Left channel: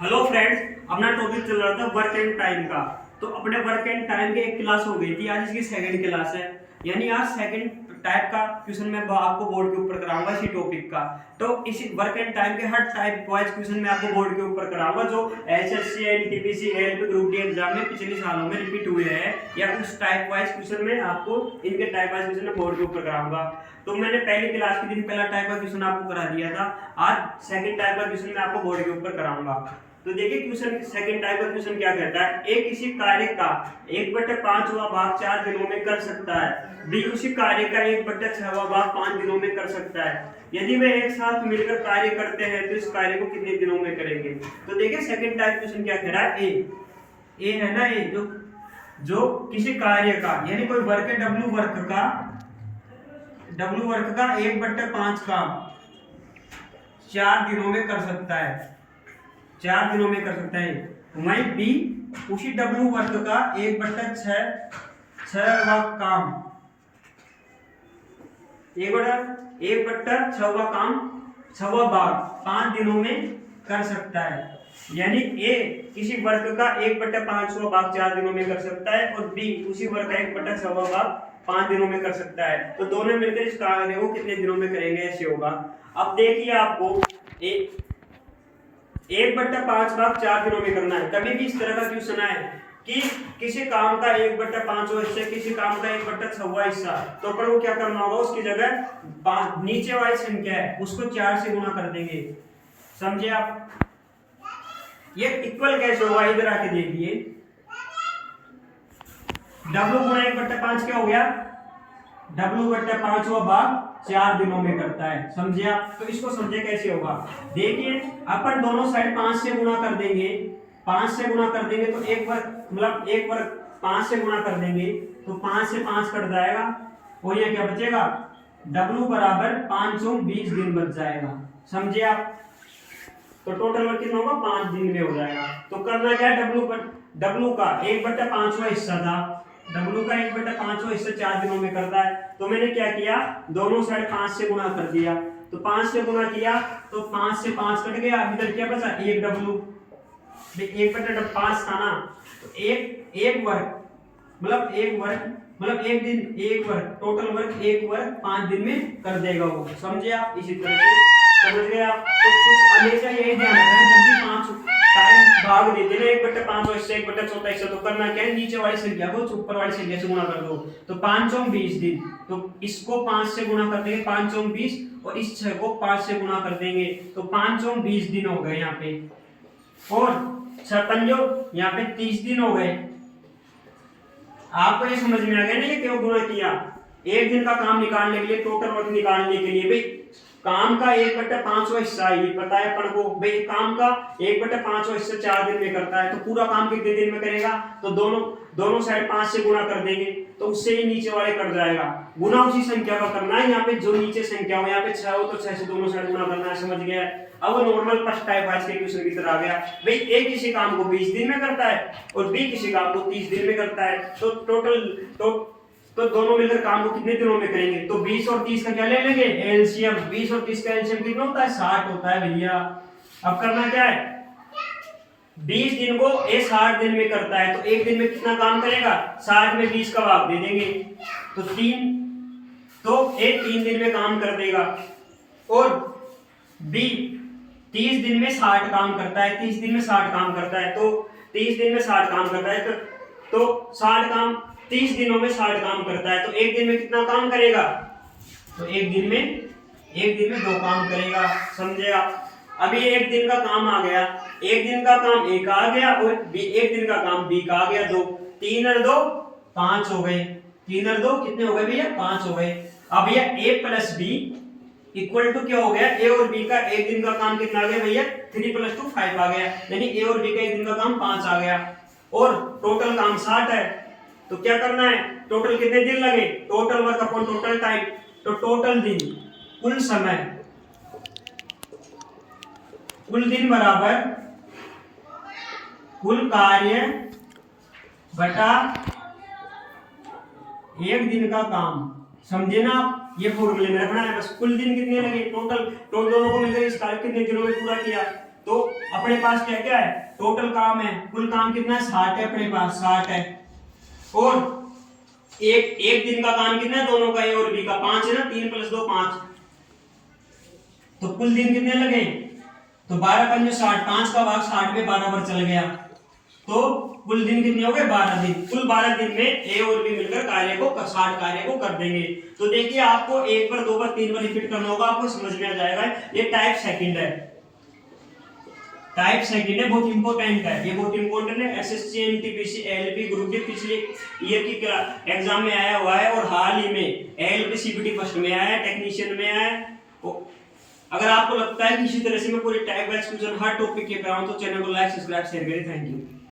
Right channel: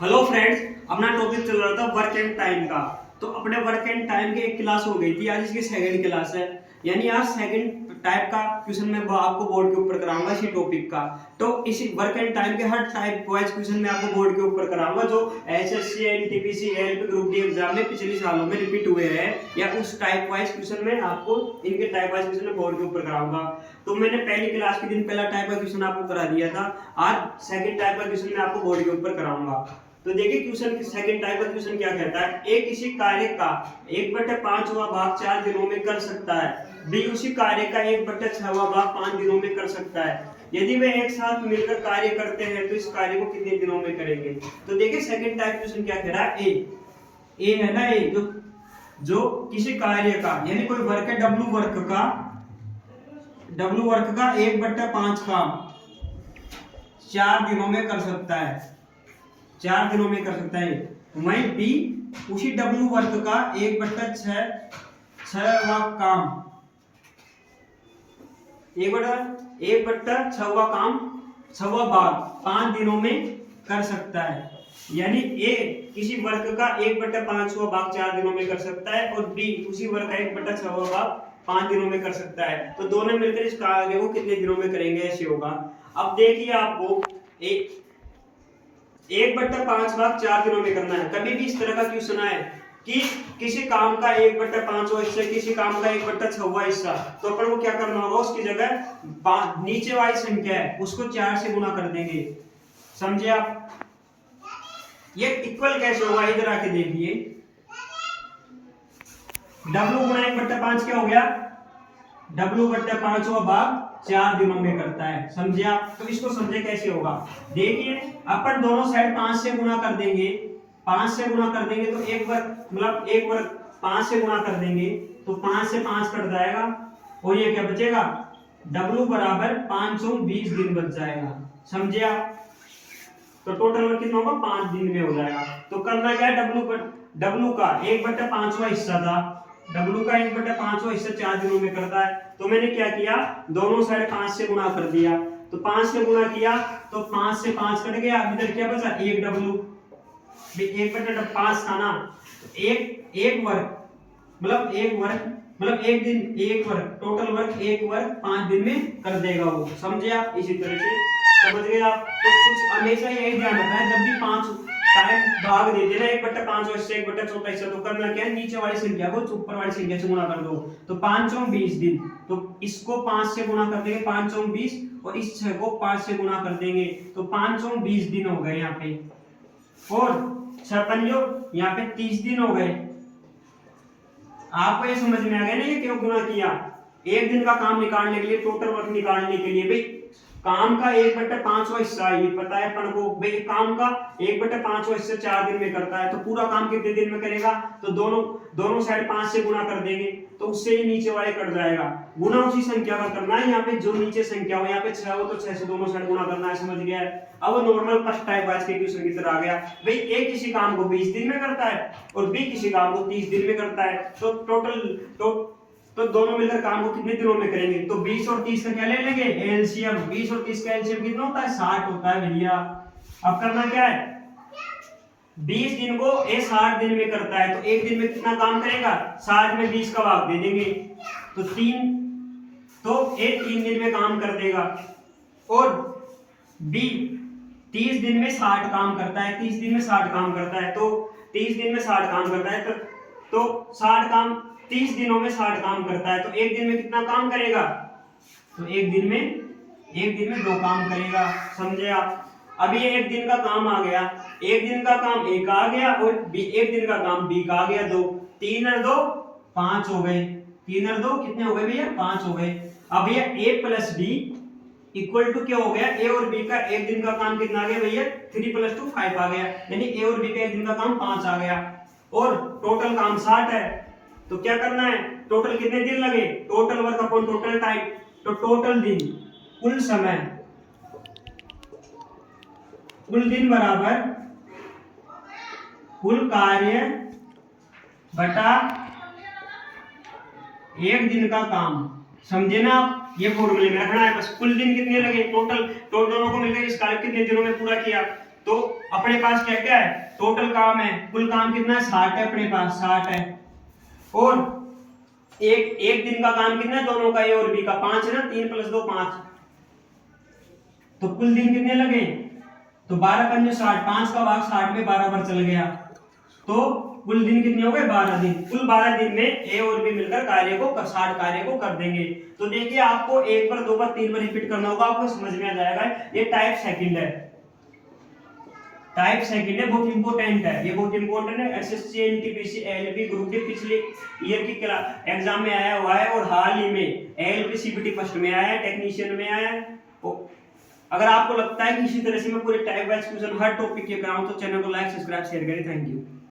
Hello friends, अपना topic चल रहा था वर्क एंड टाइम का। तो अपने वर्क एंड टाइम के एक क्लास हो गई थी, आज इसकी सेकंड क्लास है। यानी आज सेकंड टाइप का क्वेश्चन मैं आपको बोर्ड के ऊपर कराऊंगा इसी टॉपिक का। तो इसी वर्क एंड टाइम के हर टाइप वाइज क्वेश्चन मैं आपको बोर्ड के ऊपर कराऊंगा, जो SSC NTPC LP group D exam में पिछले सालों में रिपीट हुए हैं, या उस टाइप वाइज क्वेश्चन में आपको इनके टाइप वाइज क्वेश्चन बोर्ड के ऊपर कराऊंगा। तो मैंने पहली क्लास के दिन पहला टाइप का क्वेश्चन आपको करा दिया था, आज सेकंड टाइप का क्वेश्चन मैं आपको बोर्ड के ऊपर कराऊंगा। तो देखिए क्वेश्चन सेकंड टाइप का क्वेश्चन क्या कहता है। ए किसी कार्य का 1/5वां भाग 4 दिनों में कर सकता है। बी उसी कार्य का 1/6वां भाग 5 दिनों में कर सकता है। यदि वे एक साथ मिलकर कार्य करते हैं तो इस कार्य को कितने दिनों में करेंगे। तो देखिए सेकंड टाइप क्वेश्चन क्या कह रहा है। ए है ना, ए जो किसी कार्य का यानी कोई वर्क है, डब्ल्यू वर्क का 1/5 काम 4 दिनों में कर सकता है, 4 दिनों में कर सकता है। वहीं बी उसी डब्ल्यू वर्क का 1/6वां काम 1/6वां काम 6वां भाग 5 दिनों में कर सकता है। यानी ए किसी वर्क का 1/5वां भाग 4 दिनों में कर सकता है, और बी उसी वर्क का 1/6वां भाग 5 दिनों में कर सकता है। तो दोनों मिलकर इस कार्य को कितने दिनों में करेंगे, ऐसे होगा। अब देखिए आपको 1/5 भाग 4 दिनों में करना है। कभी भी इस तरह का क्वेश्चन है कि किसी काम का 1/5वां हिस्सा, किसी काम का 1/6वां हिस्सा, तो अपन को क्या करना होगा, उसकी जगह नीचे वाली संख्या है उसको 4 से गुणा कर देंगे। समझे आप। ये इक्वल कैसे होगा, इधर आके देखिए। W गुणा 1/5 क्या हो गया, W/5वां भाग 4 दिनों में करता है। समझे आप। तो इसको समझे कैसे होगा। देखिए अपन दोनों साइड 5 से गुणा कर देंगे, 5 से गुणा कर देंगे तो एक वर्ग मतलब एक वर्ग 5 से गुणा कर देंगे तो 5 से 5 कट जाएगा, और ये क्या बचेगा, W बराबर 5 और 20 दिन बच जाएगा। समझे आप। तो टोटल वर्क कितना होगा, 5 दिन में हो जाएगा। तो करना क्या है, W का 1/5वां हिस्सा था, W का 1/5वां हिस्सा 4 दिनों में करता है। तो मैंने क्या किया, दोनों साइड 5 से गुणा कर दिया। तो 5 से गुणा किया तो 5 से 5 कट गया, इधर क्या बचा, 1 W। 1/5 था ना, तो एक वर्ग मतलब एक दिन, एक वर्ग टोटल वर्क, एक वर्ग 5 दिन में कर देगा वो। समझे आप। इसी तरह से समझ गए आप। तो कुछ हमेशा यही ध्यान रखना है, जब भी 5 टाइम भाग देते ना 1/5 और इससे 1/4 हिस्सा, तो करना क्या है, नीचे वाली संख्या को ऊपर वाली संख्या से गुणा कर दो। तो 5 और 20 दिन, तो इसको 5 से गुणा कर देंगे, 5 और 20, और इस 6 को 5 से गुणा कर देंगे तो 5 और 20 दिन हो गए यहाँ पे, और 56 यहाँ पे 30 दिन हो गए। आपको ये समझ में आ गया ना, ये क्यों गुणा किया। एक दिन का काम निकालने के लिए, टोटल वर्क निकालने के लिए, भाई काम का 1/5वां हिस्सा ये पता है अपन को, भाई काम का 1/5वां हिस्सा 4 दिन में करता है, तो पूरा काम कितने दिन में करेगा। तो दोनों साइड 5 से गुणा कर देंगे तो उससे ही नीचे वाले कट जाएगा। गुणा उसी संख्या का करना है, यहाँ पे जो नीचे संख्या हो, यहाँ पे 6 हो तो 6 से दोनों साइड गुणा करना है। समझ गया। अब नॉर्मल फर्स्ट टाइप वाइज के क्वेश्चन की तरह आ गया। भाई ए किसी काम को 20 दिन में करता है और बी किसी काम को 30 दिन में करता है, तो टोटल तो दोनों मिलकर काम को कितने दिनों में करेंगे। तो 20 और 30 का क्या ले लेंगे, एलसीएम। 20 और 30 का एलसीएम कितना होता है, 60 होता है भैया। अब करना क्या है, 20 दिन को ए 60 दिन में करता है, तो एक दिन में कितना काम करेगा, 60 में 20 का भाग दे देंगे तो 3, तो ए 3 दिन में काम कर देगा। और बी 30 दिन में 60 काम करता है, 30 दिन में 60 काम करता है, तो 30 दिन में 60 काम करता है, तो 60 काम 30 दिनों में 60 काम करता है, तो एक दिन में कितना काम करेगा, तो एक दिन में 2 काम करेगा। समझे आप। अभी एक दिन का काम आ गया, एक दिन का काम ए का आ गया, और एक दिन का काम बी का आ गया 2। 3 और 2 5 हो गए, 3 और 2 कितने हो गए भैया, 5 हो गए। अब ये ए प्लस बी इक्वल टू क्या हो गया, ए और बी का एक दिन का काम कितना आ गया भैया, 3 + 2 5 आ गया। यानी ए और बी का एक दिन का काम 5 आ गया, और टोटल काम 60 है। तो क्या करना है, टोटल कितने दिन लगे, total work upon total time, तो टोटल दिन, कुल समय, कुल दिन बराबर कुल कार्य बटा एक दिन का काम। समझे ना आप। ये फॉर्मूले में रखना है बस। कुल दिन कितने लगे, टोटल दोनों को मिलकर इस कार्य कितने दिनों में पूरा किया, तो अपने पास क्या क्या है, टोटल काम है, कुल काम कितना है 60 है, अपने पास 60 है, और एक दिन का काम कितना है दोनों का, ए और बी का 5 है ना, 3 + 2 5, तो कुल दिन कितने लगे, तो 12 पंजे 60, 5 का भाग 60 में 12 बार चल गया, तो कुल दिन कितने हो गए 12 दिन। कुल 12 दिन में ए और बी मिलकर कार्य को 60 कार्य को कर देंगे। तो देखिए आपको एक बार, दो बार, तीन बार रिपीट करना होगा, आपको समझ में आ जाएगा। ये टाइप सेकंड है, टाइप सेकंड है, बहुत इंपॉर्टेंट है, ये बहुत इंपॉर्टेंट है। SSC, NTPC, LP group D पिछले ईयर की एग्जाम में आया हुआ है, और हाल ही में एलपी सीबीटी फर्स्ट में आया है, टेक्नीशियन में आया है। अगर आपको लगता है कि इसी तरह से मैं पूरे टाइप वाइज क्वेश्चन हर टॉपिक के कराऊं तो चैनल को लाइक, सब्सक्राइब, शेयर करें। Thank you.